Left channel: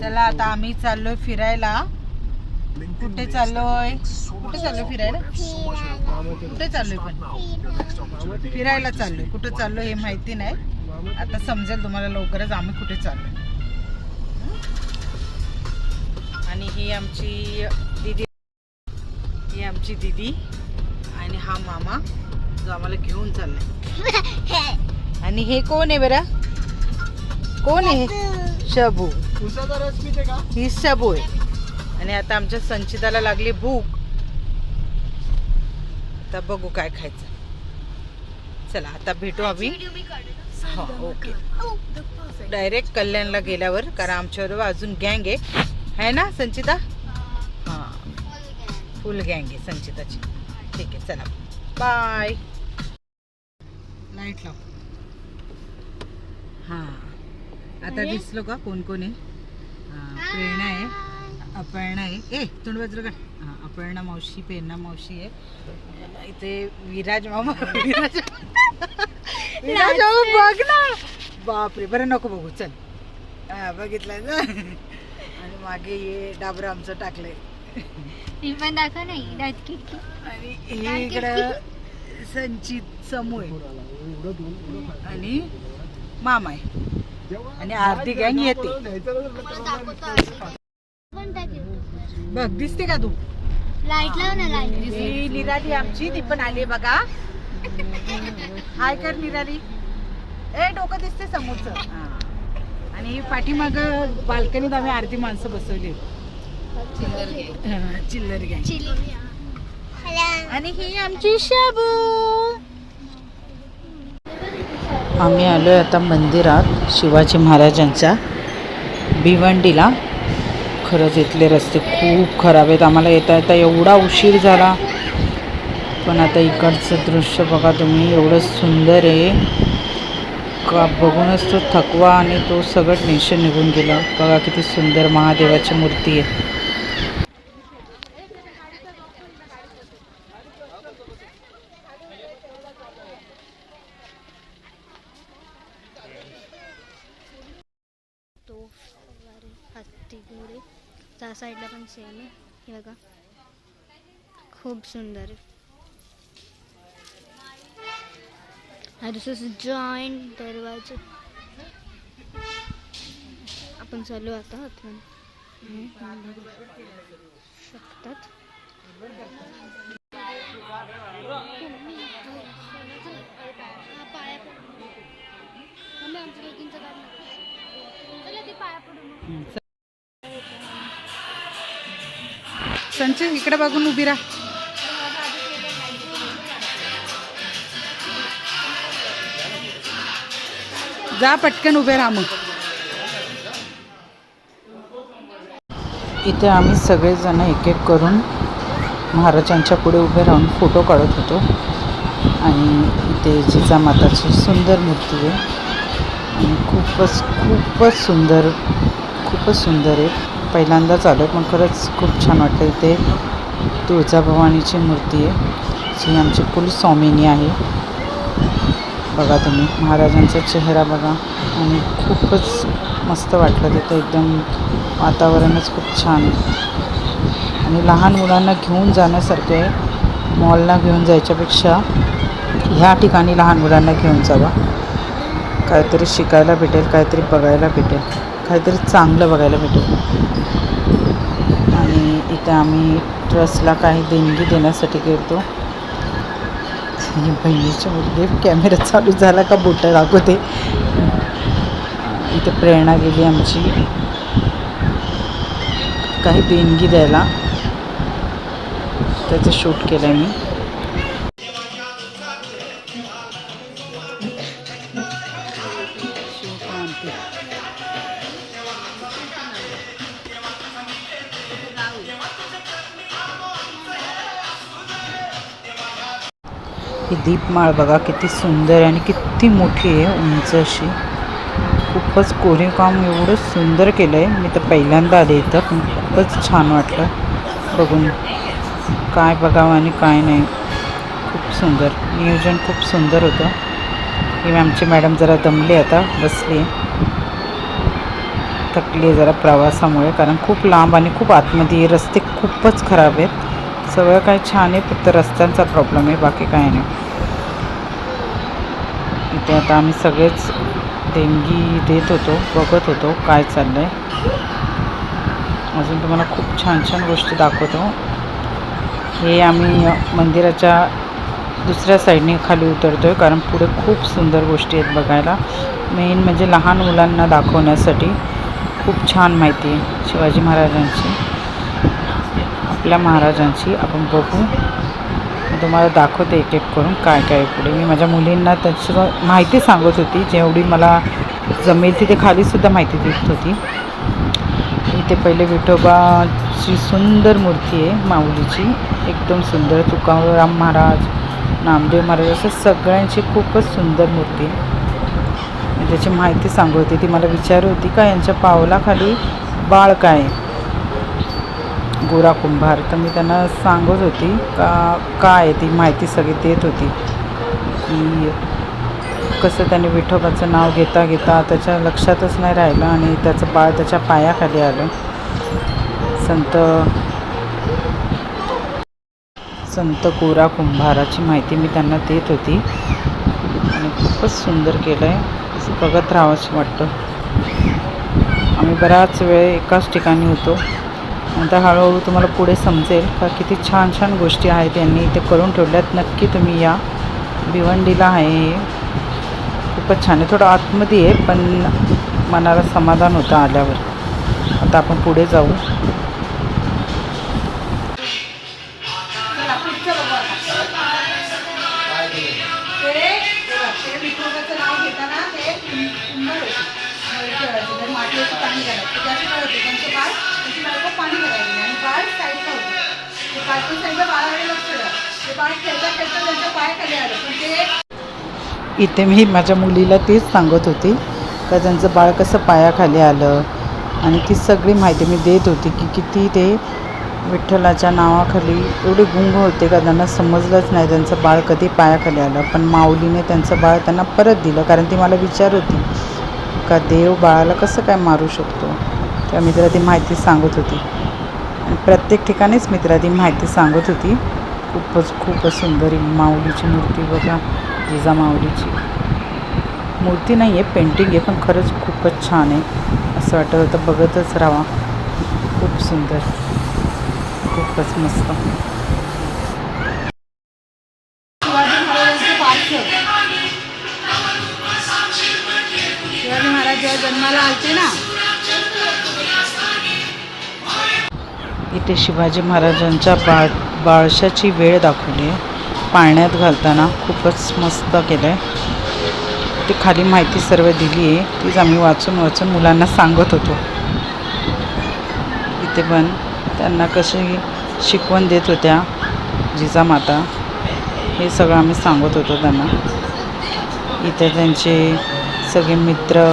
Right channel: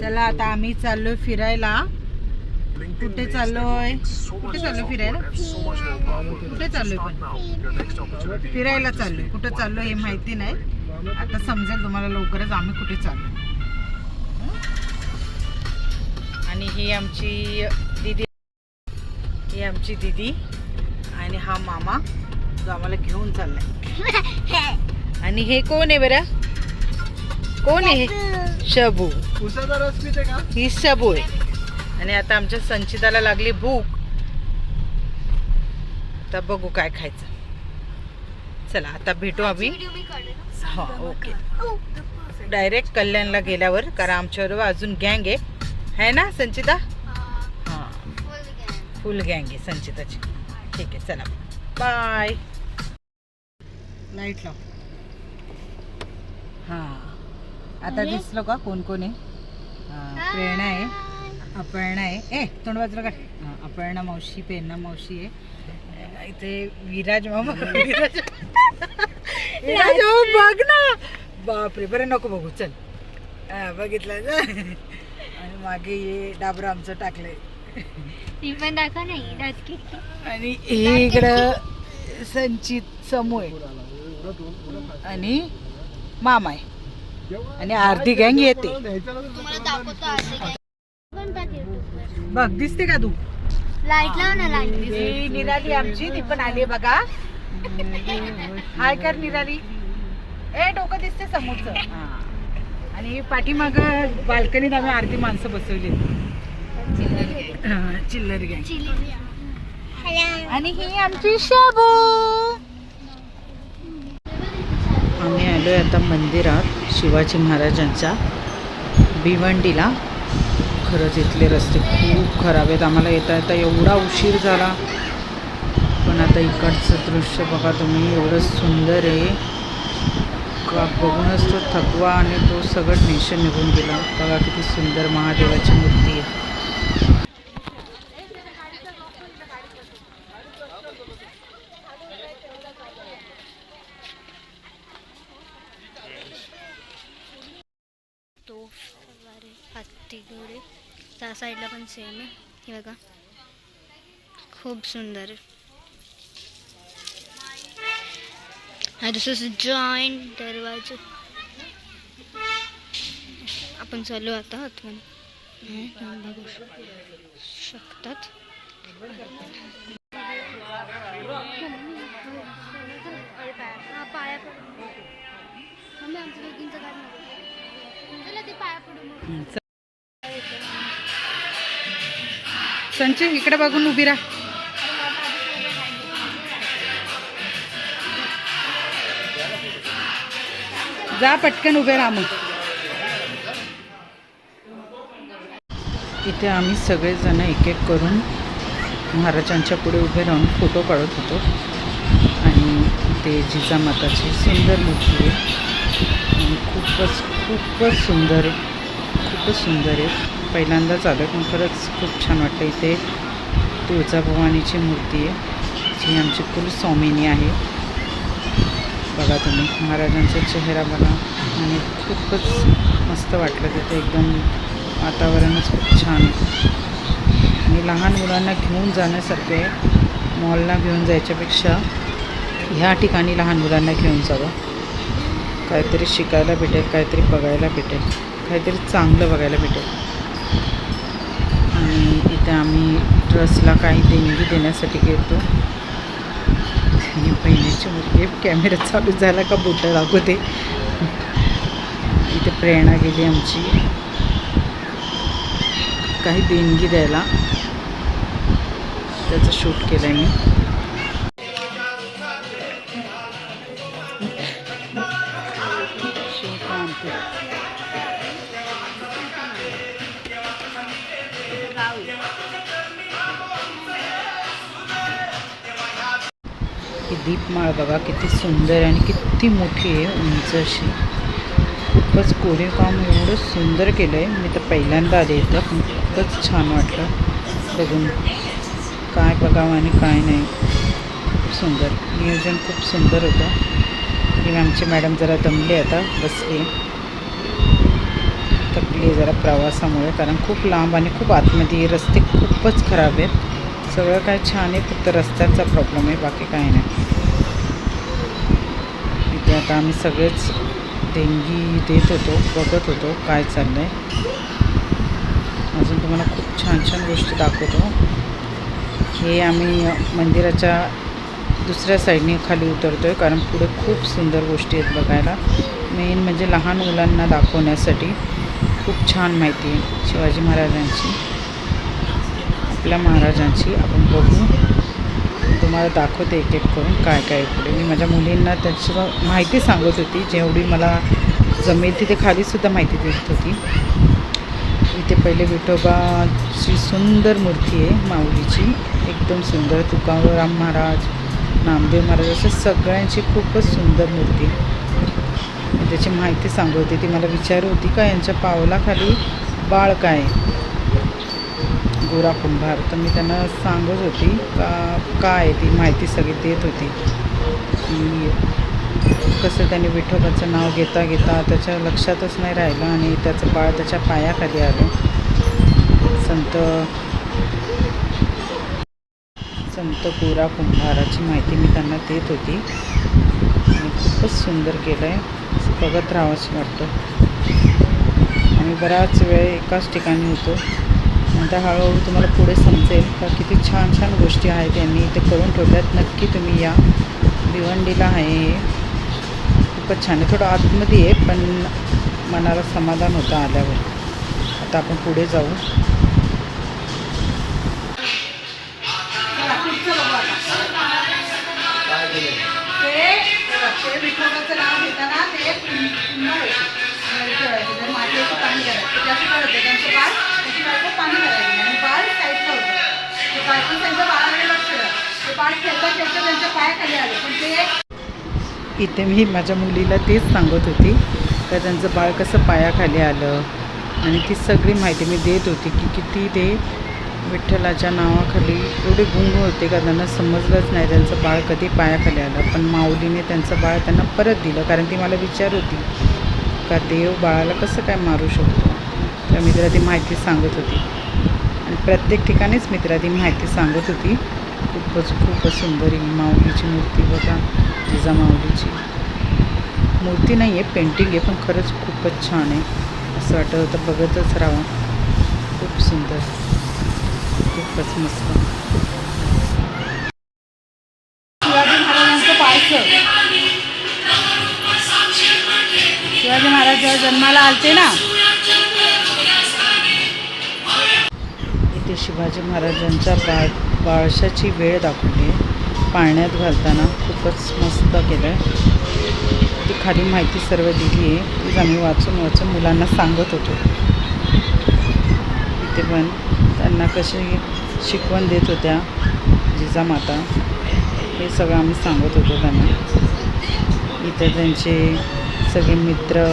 चला आता आम्ही चाललोय फिरायला. कुठे चाललोय फिरायला? कुठे चाललोय? पण फिरायला चाललोय. कुठे चाललोय हे माहिती नाही, आता समजेल तुम्हाला लवकरच आम्ही कुठे चाललोय. आणि ही आमची दीदी, आणि हा मामा जो आम्हाला घेऊन चाललाय. आणि हे कोण आहे बरं? कोण आहे? शबू. ही शबू आहे. आणि आता आमच्या संचिताला लागली भूक. आता बघू काय खायचं. चला आता भेटू आम्ही. हा ओके. डायरेक्ट कल्याणला गेल्यावर, कारण आमच्याबरोबर अजून गँग आहे ना संचिता? हां फुल गँग आहे संचिताची. ठीक आहे चला बाय. लाईट लाव. हां आता दिसलो का कोण कोण आहे? प्रेरणा आहे, अपर्णा आहे. तोंड बाजूला काढ. अपर्णा मावशी, प्रेरणा मावशी आहे. इथे विराज मामा. विराज मामा बघ ना. बापरे, बरं नको बघू, चल. बघितलं ना. आणि मागे ये डाबरा आमचं टाकलंय. पण दाखव नाही. आणि हे इकडं संचित समू आहे आणि मामा आहे आणि अर्धी गँग येते. बघ दिसते का तू? लाईट लाव ना. ही निराली आमची, ती पण आली बघा. हाय कर निराली. डोकं दिसते समोरचं. आणि पाठीमाग बाल्कनीत आम्ही अर्धी माणसं बसवली. चिल्लर गँग. आणि ही आमची शाबू. आम्ही आलोय आता मंदिरात शिवाजी महाराजांच्या भिवंडीला. खरंच इथले रस्ते खूप खराब आहेत. आम्हाला येता येता एवढा उशीर झाला. पण आता इकडचं दृश्य बघा तुम्ही, एवढं सुंदर आहे का बघूनच तो थकवा आणि तो सगळं टेन्शन निघून गेलं. बघा किती सुंदर महादेवाची मूर्ती आहे. तो हत्ती घोडे त्या साईडला पण सेम आहे. हे बघा खूप सुंदर आहे. हा दुसरं जॉईंट दरवाजा. आपण चालू आता आतमध्ये बघू शकतात. संचय इकडे बघून उभी राहा. जा पटकन उभे राहा. मग इथे आम्ही सगळेजण एक एक करून महाराजांच्या पुढे उभे राहून फोटो काढत होतो. आणि इथे जिजामाताची सुंदर मूर्ती आहे आणि खूपच सुंदर आहे. पहिल्यांदाच आलो आहे पण खरंच खूप छान वाटतं. इथे तुळजाभवानीची मूर्ती आहे जी आमची कुलस्वामिनी आहे. बघा तुम्ही महाराजांचा चेहरा बघा. आणि खूपच मस्त वाटलं तिथं. एकदम वातावरणच खूप छान आहे आणि लहान मुलांना घेऊन जाण्यासारखे आहे. मॉलला घेऊन जायच्यापेक्षा ह्या ठिकाणी लहान मुलांना घेऊन जावा. काहीतरी शिकायला भेटेल, काहीतरी बघायला भेटेल, काहीतरी चांगलं बघायला भेटेल. आणि इथे आम्ही ट्रस्टला काही देणगी देण्यासाठी गेलो. आणि बहिणीची मुलगी कॅमेरा चालू झाला का बोटं दाखवते. इथे प्रेरणा गेली आमची काही देणगी द्यायला. त्याचं शूट केलं मी. ही दीपमाळ बघा किती सुंदर आणि किती मोठी आहे, उंच अशी. खूपच कोरीव काम एवढं सुंदर केलं आहे. मी तर पहिल्यांदा आले इथं पण खूपच छान वाटलं बघून. काय बघावं आणि काय नाही. खूप सुंदर नियोजन, खूप सुंदर होतं. ही आमची मॅडम जरा दमली, आता बसली, थकली जरा प्रवासामुळे, कारण खूप लांब आणि खूप आतमध्ये, रस्ते खूपच खराब आहेत. सगळं काय छान आहे, फक्त रस्त्यांचा प्रॉब्लेम आहे, बाकी काय नाही. इथे आता आम्ही सगळेच देणगी देत होतो, बघत होतो काय चाललं आहे. अजून तुम्हाला खूप छान छान गोष्टी दाखवतो. हे आम्ही मंदिराच्या दुसऱ्या साईडने खाली उतरतो आहे, कारण पुढे खूप सुंदर गोष्टी आहेत बघायला. मेन म्हणजे लहान मुलांना दाखवण्यासाठी खूप छान माहिती आहे शिवाजी महाराजांची, आपल्या महाराजांची. आपण बघू, मी तुम्हाला दाखवते एक एक करून काय काय पुढे. मी माझ्या मुलींना त्याची माहिती सांगत होती, जेवढी मला जमेल तिथे खालीसुद्धा माहिती देत होती. इथे पहिले विठोबाची सुंदर मूर्ती आहे माऊलीची, एकदम सुंदर. तुकाराम महाराज, नामदेव महाराज, असं सगळ्यांची खूपच सुंदर मूर्ती आहे. मी त्याची माहिती सांगत होती. ती मला विचारत होती का यांच्या पावलाखाली बाळ काय, गोरा कुंभार. तर मी त्यांना सांगत होती का काय ती माहिती सगळी देत होती, की कसं त्याने विठोबाचं नाव घेता घेता त्याच्या लक्षातच नाही राहिलं आणि त्याचं बाळ त्याच्या पायाखाली आलं. संत गोरा कुंभाराची माहिती मी त्यांना देत होती आणि खूपच सुंदर केलं आहे, असं बघत राहावंच वाटतं. आम्ही बराच वेळ एकाच ठिकाणी होतो. नंतर हळूहळू तुम्हाला पुढे समजेल का किती छान छान गोष्टी आहेत यांनी इथे करून ठेवल्यात. नक्की तुम्ही या, भिवंडीला आहे, खूपच छान आहे. थोडं आतमध्ये आहे पण मनाला समाधान होतं आल्यावर. आता आपण पुढे जाऊ. विठोबाचं नाव घेताना ते मातीचं पाणी करायचं, त्याचं काय होतं त्यांचं बाळ त्याची बायको पाणी करायची आणि बाळ साईडला होतं. ते बायको साईडला बाळाकडे लक्ष द्या, ते बाळ खेळता खेळता त्यांच्या पायाखाली आलं. पण ते इथे मी माझ्या मुलीला तेच सांगत होती का त्यांचं बाळ कसं पायाखाली आलं आणि ती सगळी माहिती मी देत होती की किती ते विठ्ठलाच्या नावाखाली एवढे गुंग होते का त्यांना समजलंच नाही त्यांचं बाळ कधी पायाखाली आलं. पण माऊलीने त्यांचं बाळ त्यांना परत दिलं, कारण ती मला विचारत होती का देव बाळाला कसं काय मारू शकतो. तेव्हा मी तिला ती माहिती सांगत होती आणि प्रत्येक ठिकाणीच मी तिला ती माहिती सांगत होती. खूपच सुंदर ही माऊलीची मूर्ती बघा, जिजा माऊलीची मूर्ती नाही आहे, पेंटिंग आहे, पण खरंच खूपच छान आहे. असं वाटत होतं बघतच राहावा. खूप सुंदर, खूपच मस्त. शिवाजी महाराज जेव्हा जन्माला आलते ना, इथे शिवाजी महाराजांच्या बाळशाची वेळ दाखवली आहे, पाळण्यात घालताना. खूपच मस्त केलं आहे. ती खाली माहिती सर्व दिली आहे, तीच आम्ही वाचून मुलांना सांगत होतो. इथे पण त्यांना कशी शिकवण देत होत्या जिजामाता, हे सगळं आम्ही सांगत होतो त्यांना. इथे त्यांचे सगळे मित्र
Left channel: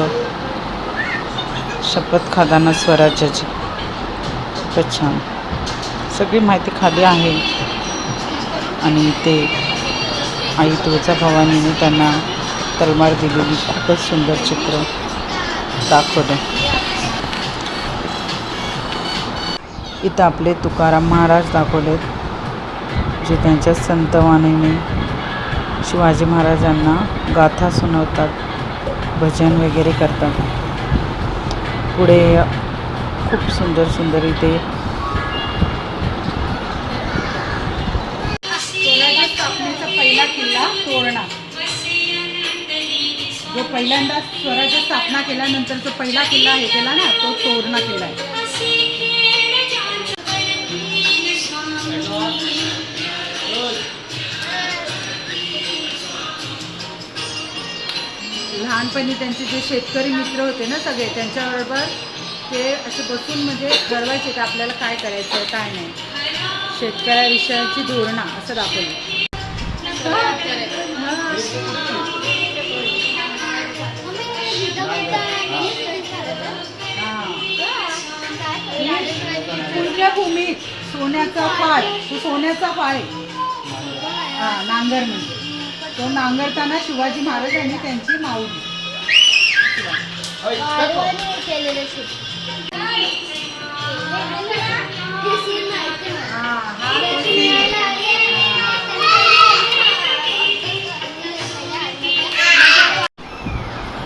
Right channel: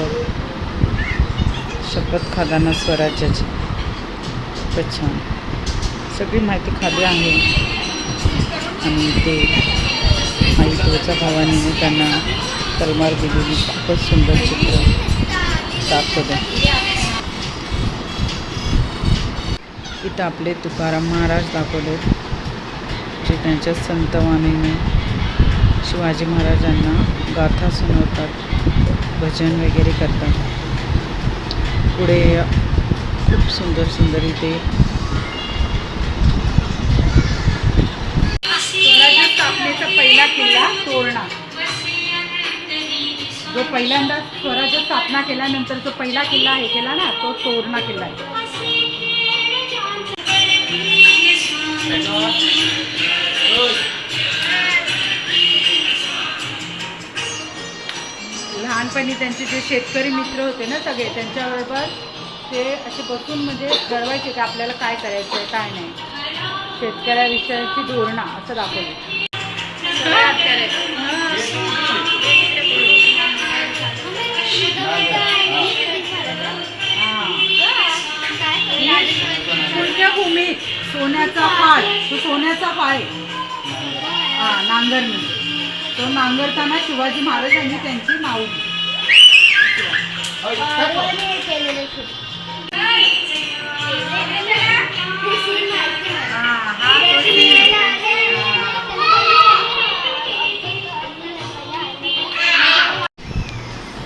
शपथ खाताना स्वराज्याची, खूपच छान सगळी माहिती खाली आहे. आणि इथे आई तुळजाभवानीने त्यांना तलवार दिलेली खूपच सुंदर चित्र दाखवलं. इथं आपले तुकाराम महाराज दाखवलेत, जे त्यांच्या संतवाणीने शिवाजी महाराजांना गाथा सुनावतात, भजन वगैरे करतात. पुढे खूप सुंदर इथे स्वराज्य स्थापनेचा पहिला किल्ला तोरणा, जो पहिल्यांदा स्वराज्य स्थापना केल्यानंतर जो पहिला किल्ला हे केला ना, तो तोरणा किल्ला आहे. लहानपणी त्यांचे जे शेतकरी मित्र होते ना सगळे, त्यांच्याबरोबर ते असे बसून म्हणजे ठरवायचे की आपल्याला काय करायचं आहे काय नाही. शेतकऱ्याविषयीची धोरणा असं दाखवलं. पुण्यभूमी सोन्याचा पाय, तो सोन्याचा पाय, नांगरणी, तो नांगरताना शिवाजी महाराजांनी त्यांची माऊली केलेलं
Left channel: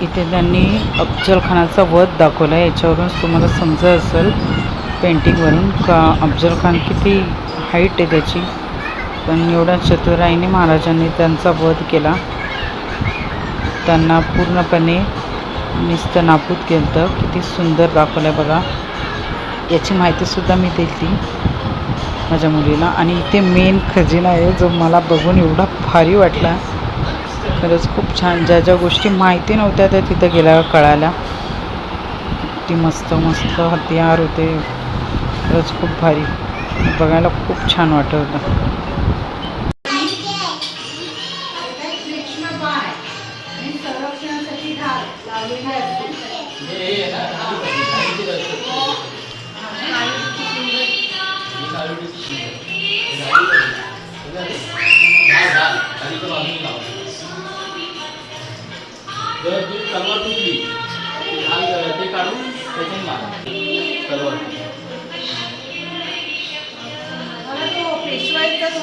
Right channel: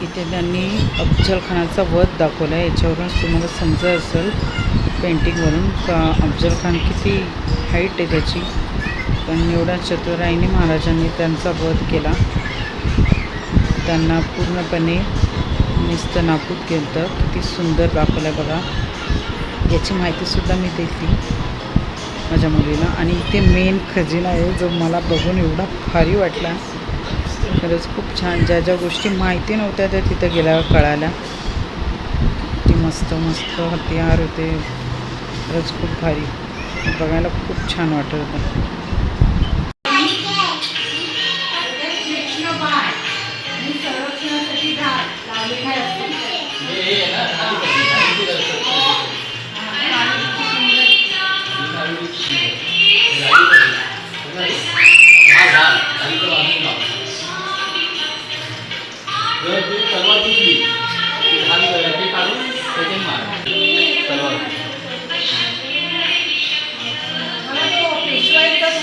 इथे त्यांनी अफजल खानाचा वध दाखवला आहे. याच्यावरूनच तुम्हाला समजत असेल पेंटिंगवरून का अफजल खान किती हाईट आहे त्याची, पण एवढ्या चतुराईने महाराजांनी त्यांचा वध केला. त्यांना पूर्णपणे निस्तनाबूत केलं. किती सुंदर दाखवलं आहे बघा. याची माहितीसुद्धा मी दिली माझ्या मुलीला. आणि इथे मेन खजिना आहे जो मला बघून एवढा भारी वाटला. खरंच खूप छान. ज्या ज्या गोष्टी माहिती नव्हत्या त्या तिथं गेल्यावर कळाल्या. किती मस्त मस्त हत्यार होते. खरंच खूप भारी. बघायला खूप छान वाटत होतं.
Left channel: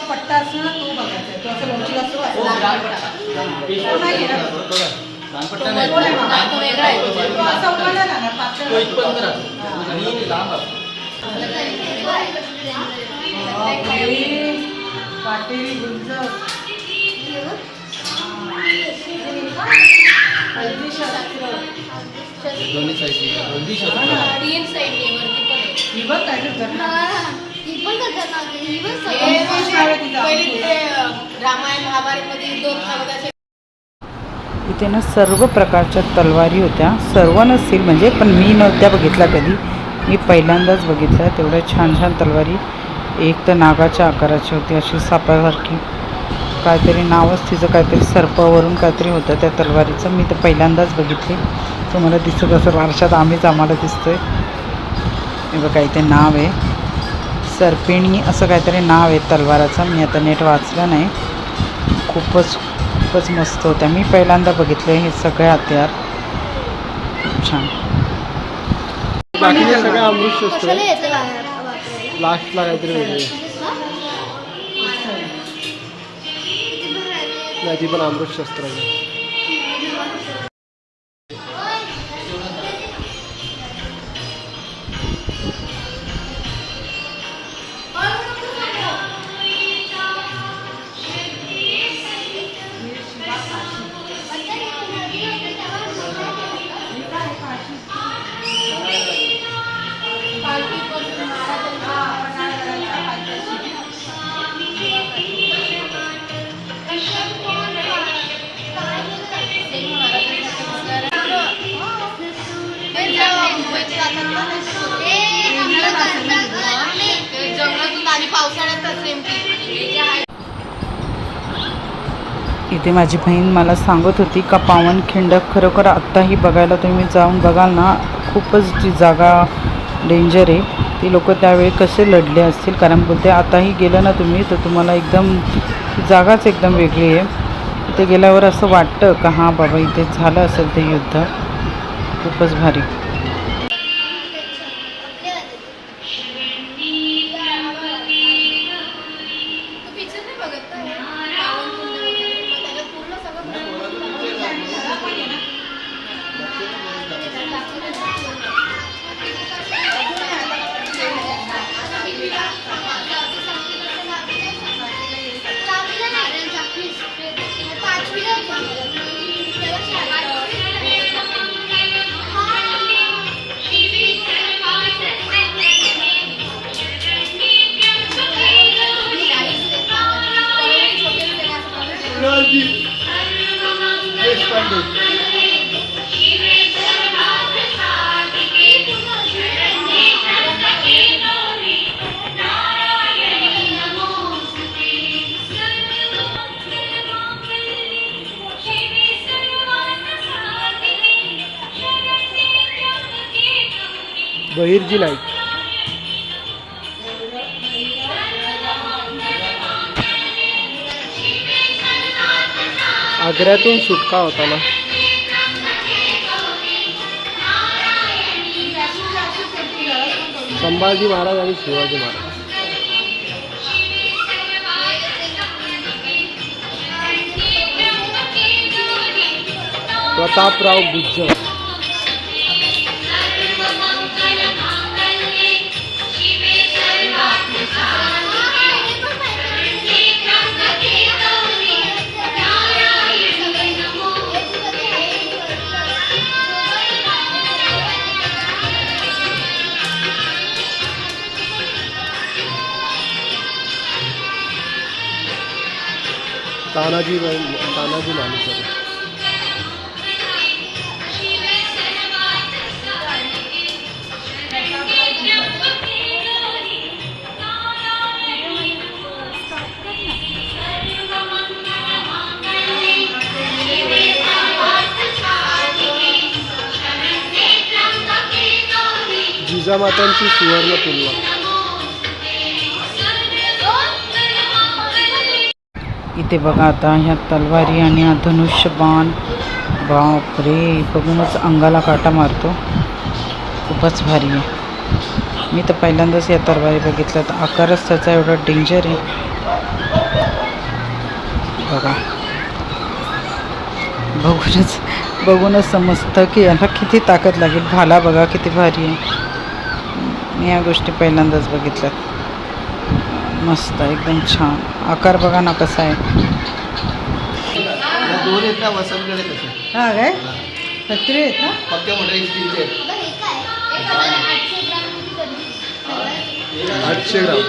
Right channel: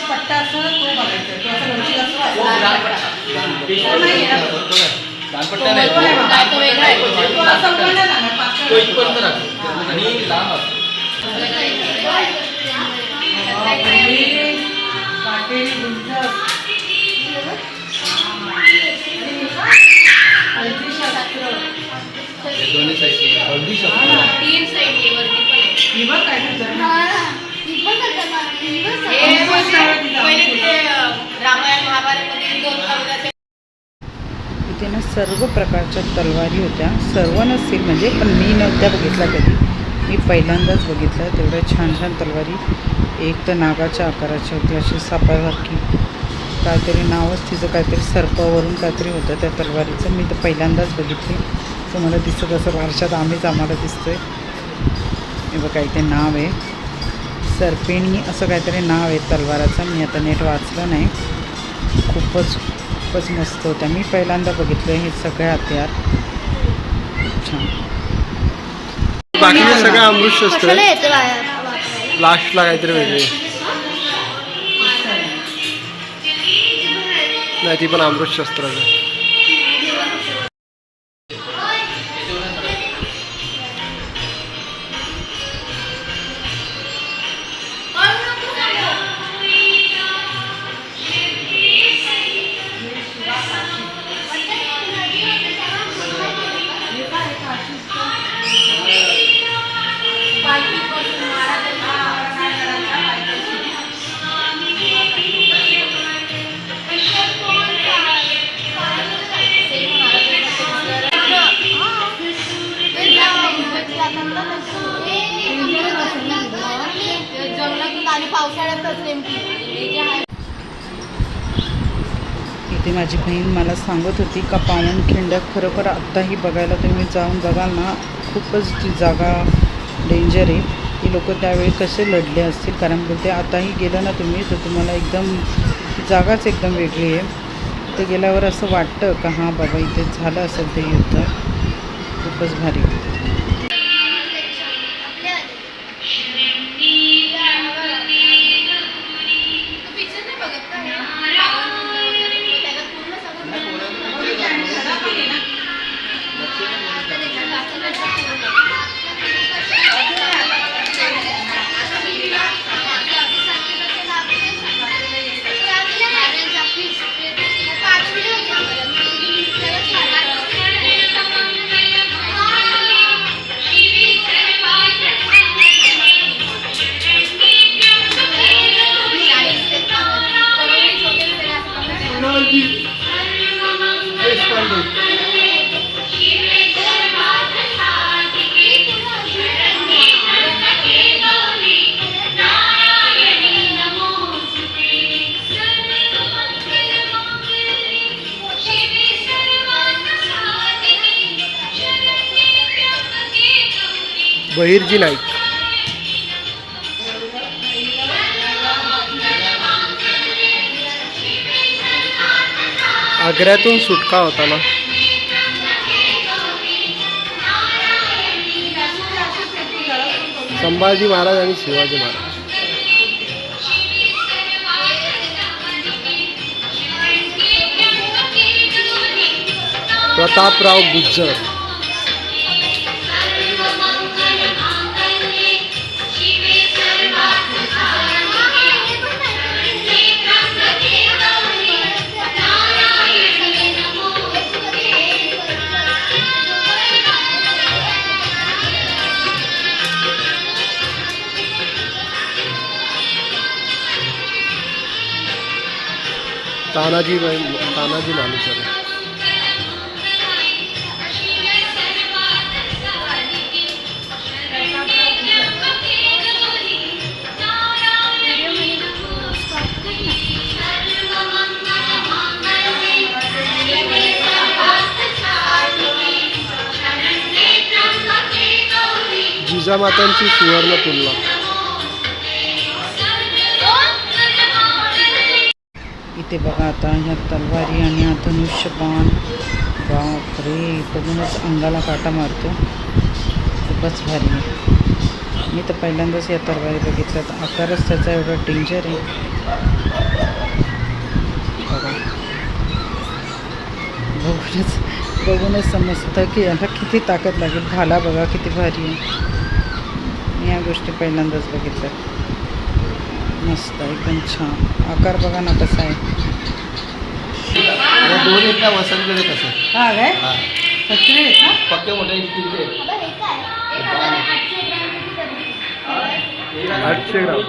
पट्टा असतो ना तो बघायचा. तो असं लवचिक असतो इथे ना सर्व प्रकारच्या तलवारी होत्या. सर्व नसतील म्हणजे, पण मी नव्हत्या बघितल्या कधी. मी पहिल्यांदाच बघितलं. तेवढ्या छान छान तलवारी. एक तर नागाच्या आकाराची होती अशी सापासारखी. काहीतरी नावच तिचं काहीतरी सर्पावरून काहीतरी होतं त्या तलवारीचं. मी तर पहिल्यांदाच बघितली. तुम्हाला दिसत असं वारशात आम्हाला दिसतोय. हे बघा इथे नाव आहे सर्पिणी असं काहीतरी नाव आहे तलवाराचं. मी आता नेट वाचलं नाही. खूपच मस्त होत्या. मी पहिल्यांदा बघितलं हे सगळे हत्यार. खूप छान. बाकीचे सगळं अमृतशस्त्र लास्टला काहीतरी वेगळे. नाही ती पण अमृतशस्त्राचं. इथे माझी बहीण मला सांगत होती का पावनखिंड खरोखर आत्ताही बघायला तुम्ही जाऊन बघाल ना, खूपच ती जागा डेंजर आहे. ती लोक त्यावेळी कसे लढले असतील. कारण बोलते आताही गेलं ना तुम्ही तर तुम्हाला एकदम जागाच एकदम वेगळी आहे. तिथे गेल्यावर असं वाटतं का हां बाबा इथे झालं असेल ते युद्ध. खूपच भारी. बहिर्जी नाईक. आग्र्यातून सुटका होताना संभाजी महाराज आणि शिवाजी महाराज. प्रतापराव गुज्जर. तानाजी मालुसरे. जिजामातांची सुवर्ण तुलना. इथे बघा आता ह्या तलवारी आणि हा धनुष्य बाण, बापरे, बघूनच अंगाला काटा मारतो. खूपच भारी आहे. मी तर पहिल्यांदाच या तलवारी बघितल्यात. आकारच त्याचा एवढा डेंजर आहे बघा. बघूनच समजतं की याला किती ताकद लागेल. भाला बघा किती भारी आहे. मी या गोष्टी पहिल्यांदाच बघितल्यात. मस्त एकदम छान. आकार बघा ना कसा आहे. दोन एकदा वसंत कसं हा काय सत्रे फक्त मोठे स्टीलचे 800 ग्राम.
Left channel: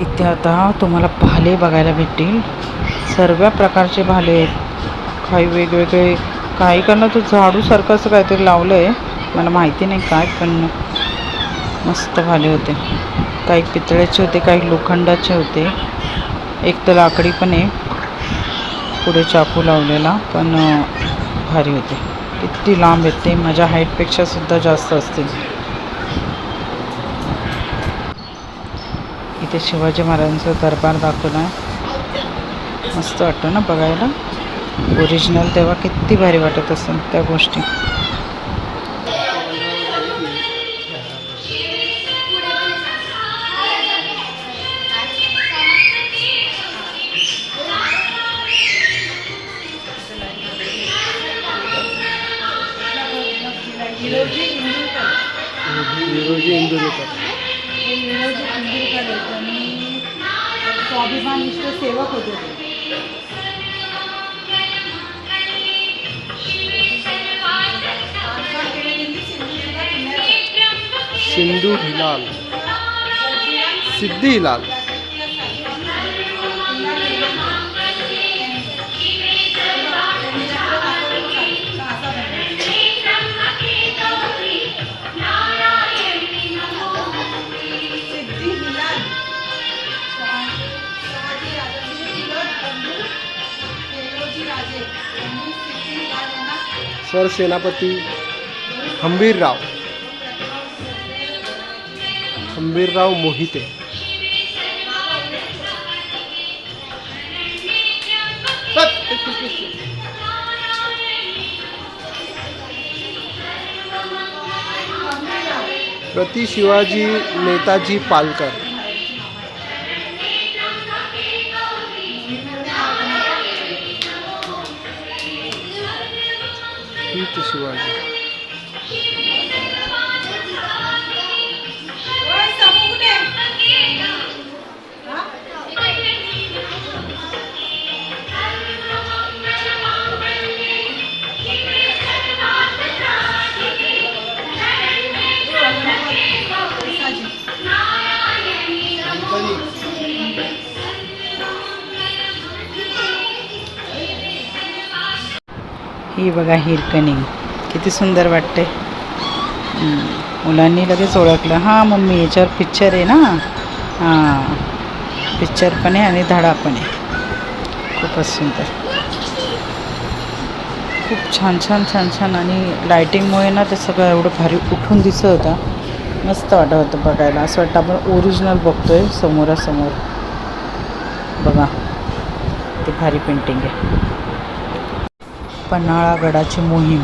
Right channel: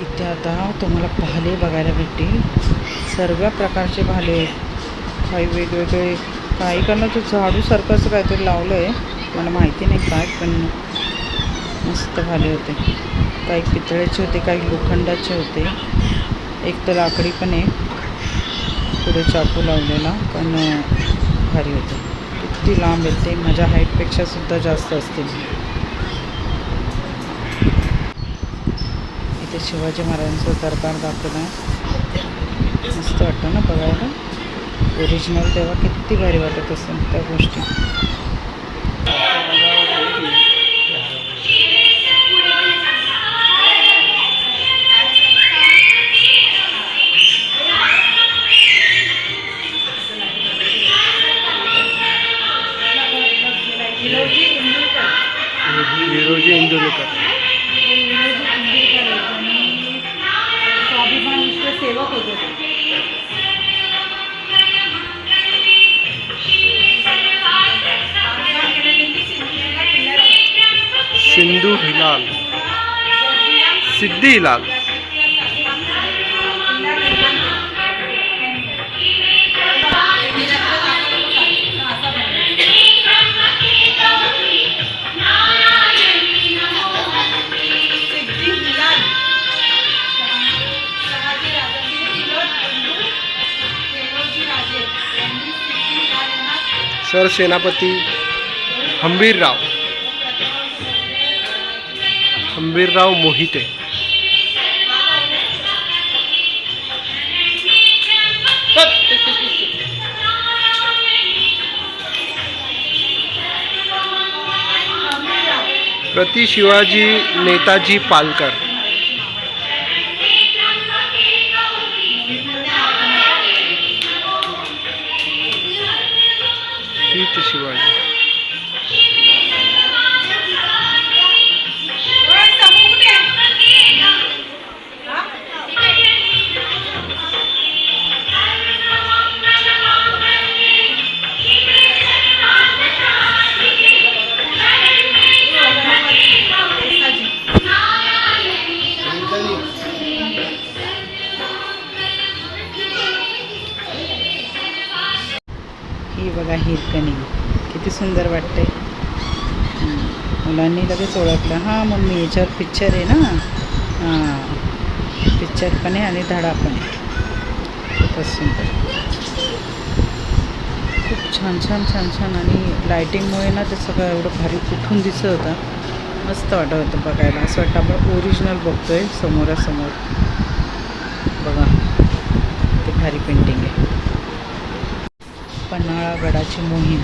इथे आता तुम्हाला भाले बघायला भेटतील. सर्व प्रकारचे भाले आहेत. काही वेगवेगळे, काही करणं तर झाडूसारखं असं काहीतरी लावलं आहे, मला माहिती नाही काय, पण मस्त भाले होते. काही पितळ्याचे होते, काही लोखंडाचे होते. एक तर लाकडी पण आहे, पुढे चाकू लावलेला, पण भारी होते. किती लांब आहेत ते, माझ्या हाईटपेक्षा सुद्धा जास्त असतील. इथे शिवाजी महाराजांचा दरबार दाखवला आहे. मस्त वाटतं ना बघायला. ओरिजिनल तेव्हा किती भारी वाटत असेल त्या गोष्टी. विरोजी इंदुरीकर. स्वाभिमान सेवक होते ते. सिंधू हिलाल, सिद्धी हिलाल. सरसेनापती हंबीरराव मोहिते. प्रति शिवाजी नेताजी पालकर. हित शिवाजी. ही बघा हिरकणी किती सुंदर वाटते. मुलांनी लगेच ओळखलं. हां मम्मी, याच्यावर पिक्चर आहे ना. हां पिक्चर पण आहे आणि धडा पण आहे. खूपच सुंदर, खूप छान छान छान छान. आणि लायटिंगमुळे ना ते सगळं एवढं भारी उठून दिसत होता. मस्त वाटत होतं बघायला. असं वाटतं आपण ओरिजिनल बघतो आहे समोरासमोर. बघा ते भारी पेंटिंग आहे. पन्हाळा गडाची मोहीम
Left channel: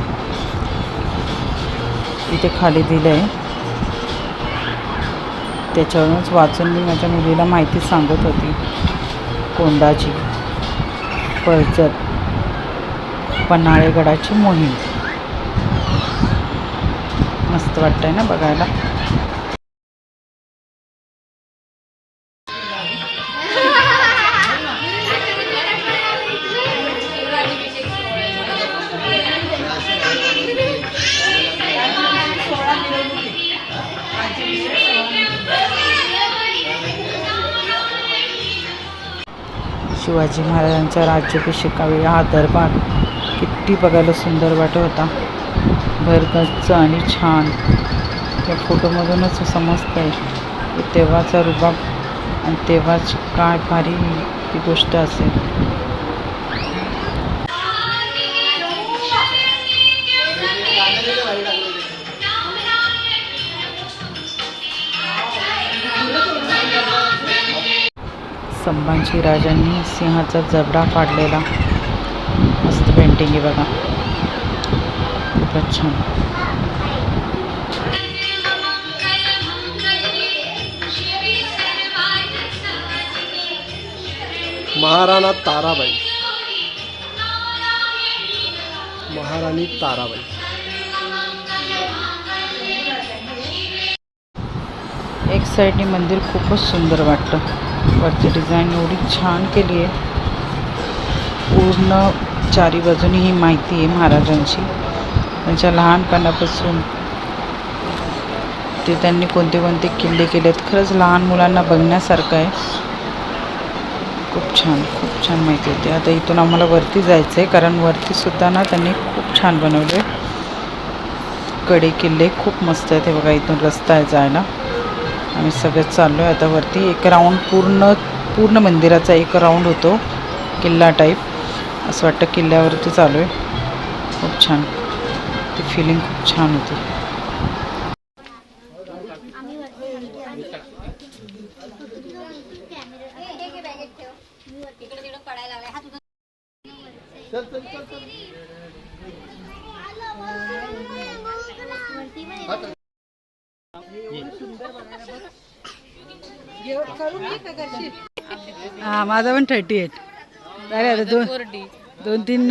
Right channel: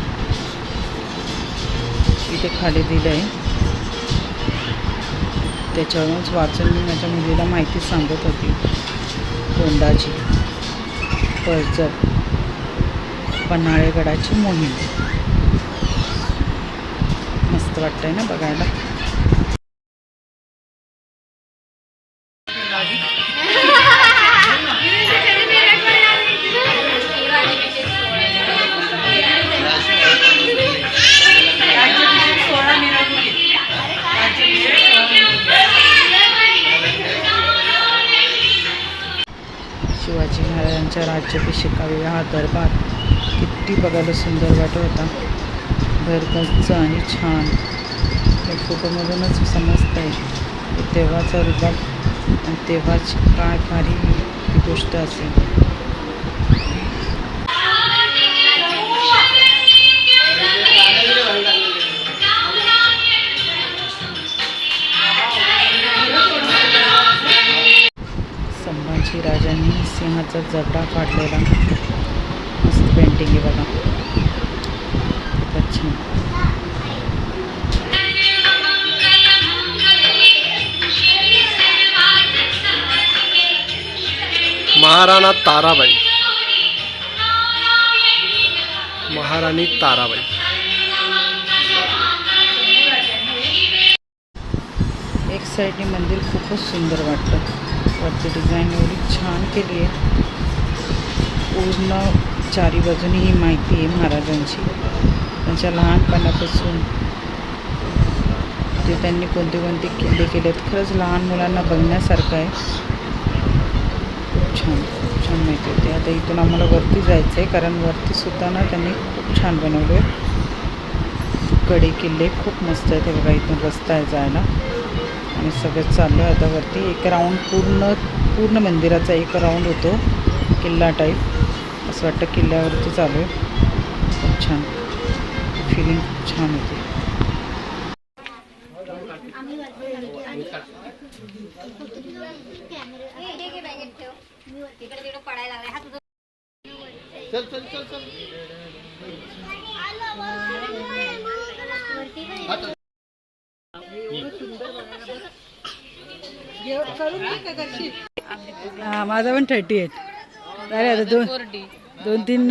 इथे खाली दिलं आहे. त्याच्यावरूनच वाचून मी माझ्या मुलीला माहिती सांगत होती. कोंडाजी पळजट पन्हाळे गडाची मोहीम. मस्त वाटतंय ना बघायला. शिवाजी महाराजांच्या राज्याभिषेकावेळी हा दरबार किती बघायला सुंदर वाटत होता. भरगच्च आणि छान. या फोटोमधूनच समजतं आहे की तेव्हाचा रुबाब आणि तेव्हाच काय भारी ती गोष्ट असेल. संभाजी राजांनी सिंहाचा जबडा फाडलेला मस्त पेंटिंग आहे बघा. खूपच छान. महाराणा ताराबाई, महाराणी ताराबाई. एक साईडनी मंदिर खूपच सुंदर वाटतं. वरती डिझाईन एवढी छान केली आहे. पूर्ण चारी बाजूनी ही माहिती आहे महाराजांची. त्यांच्या लहानपणापासून ते त्यांनी कोणते कोणते किल्ले केलेत. खरंच लहान मुलांना बघण्यासारखं आहे. खूप छान माहिती होती. आता इथून आम्हाला वरती जायचं आहे कारण वरतीसुद्धा ना त्यांनी खूप छान बनवले. कडे किल्ले खूप मस्त आहेत. हे बघा इथून रस्ता आहे जायला. आम्ही सगळं चाललो आहे आता वरती. एक राऊंड पूर्ण मंदिराचा एक राऊंड होतो किल्ला टाईप. असं वाटतं किल्ल्यावरती चालू आहे. खूप छान ती फिलिंग खूप छान होती. हा माझा पण 38. अरे आता दोन तीन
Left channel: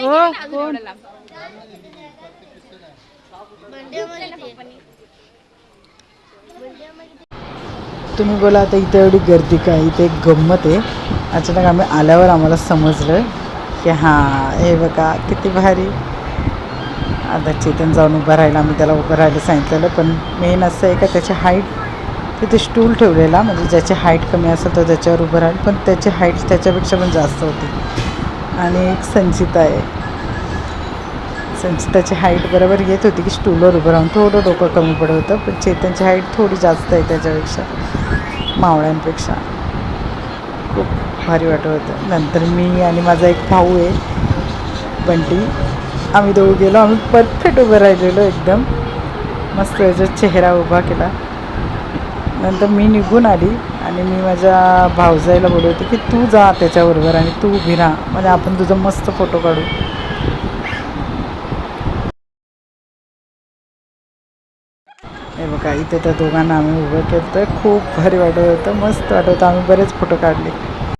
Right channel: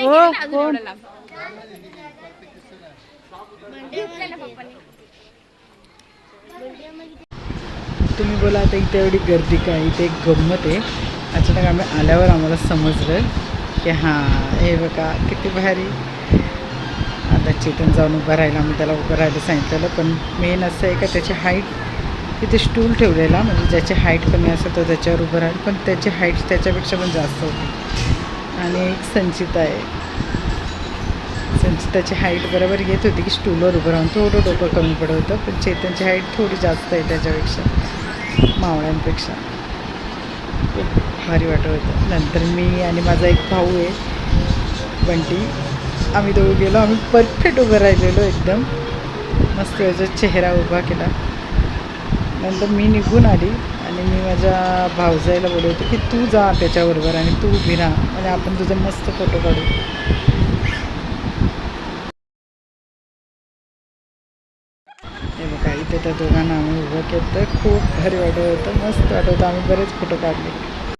हो कोण तुम्ही बोला. आता इथे एवढी गर्दी काय. इथे एक गंमत आहे. अचानक आम्ही आल्यावर आम्हाला समजलं की हां हे बघा किती भारी. आता चेतन जाऊन उभं राहिला. आम्ही त्याला उभं राहायला सांगितलेलं. पण मेन असं आहे का त्याची हाईट तिथे स्टूल ठेवलेला म्हणजे ज्याची हाईट कमी असेल तर त्याच्यावर उभं राहील. पण त्याची हाईट त्याच्यापेक्षा पण जास्त होती. आणि एक संचिता आहे. संचिताची हाईट बरोबर येत होती की स्टूलवर उभं राहून थोडं डोकं कमी पडत होतं. पण चेतनची हाईट थोडी जास्त आहे त्याच्यापेक्षा, मावळ्यांपेक्षा. खूप भारी वाटत होतं. नंतर मी आणि माझा एक भाऊ आहे बंटी, आम्ही दोघं गेलो. आम्ही परफेक्ट उभं राहिलेलो एकदम मस्त. याचा चेहरा उभा केला. नंतर मी निघून आली आणि मी माझ्या भाऊजाईला बोलवते की तू जा त्याच्याबरोबर आणि तू उभी राहा म्हणजे आपण तुझा मस्त फोटो काढू. हे बघा इथे त्या दोघांना आम्ही उभं केलं. तर खूप भारी वाटत होतं. मस्त वाटत होतं. आम्ही बरेच फोटो काढले.